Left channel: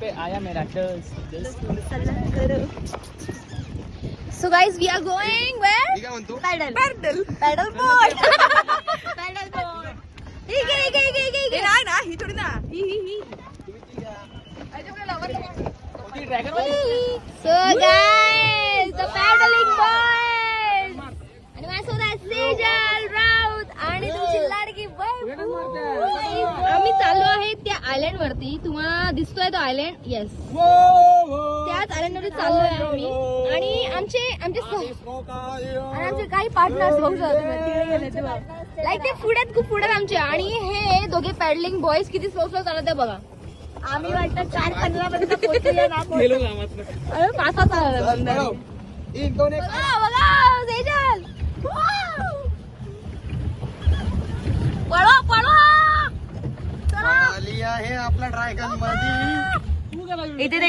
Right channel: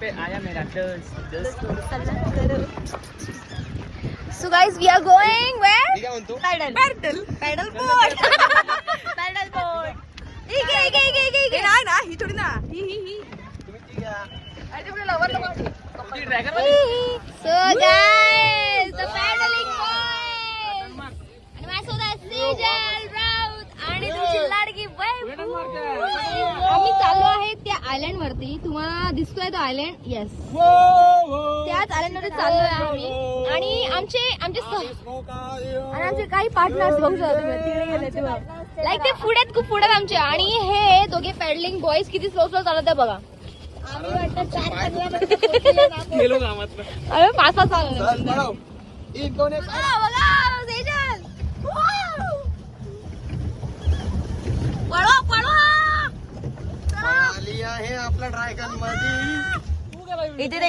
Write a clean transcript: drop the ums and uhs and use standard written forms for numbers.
पे आया मेरा दोस्त. So guys, we are going where? Pedal boat. Pedal boat. He. So guys, the paddling boys. आणि माझ्यासोबत सेजल, राऊत आणि तुमची लाडकी वैभू. आम्ही चाललो आहे त्या आयलँड वरती. तुम्हाला दिसतोय तो आयलँड? येस. त्याच आयलँड मध्ये चाललोय आम्ही. आणि आमचे काही पार्टनर्स लाईक ते पुढ्यात खूप पुढ्यात आमच्या. आणि हे दोघे पॅडलिंग बॉयज किती स्लो चालत आहे बघा. आम्ही वाटतं 4:15 आम्ही 5 चाललो. बघा सेजल. आली आहे आपला ड्रॅगन मध्ये. इथे दे.